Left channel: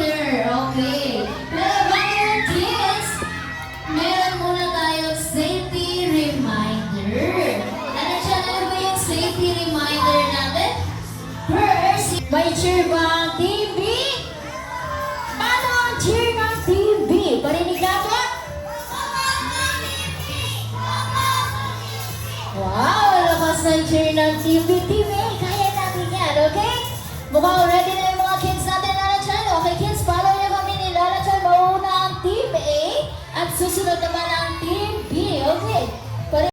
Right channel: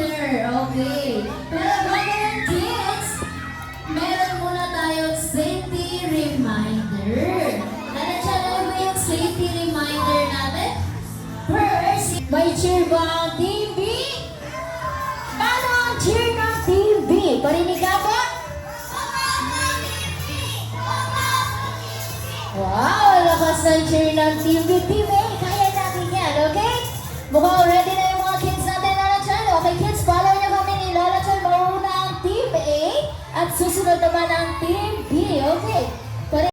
reminder. Okay. Pero mga kids, meron muna tayong safety reminder. Ano ba yung safety reminder natin? First, may Cheerbang TV. Ano ang Cheerbang TV? Karinig ako? Wow, lakas ng Cheerbang TV.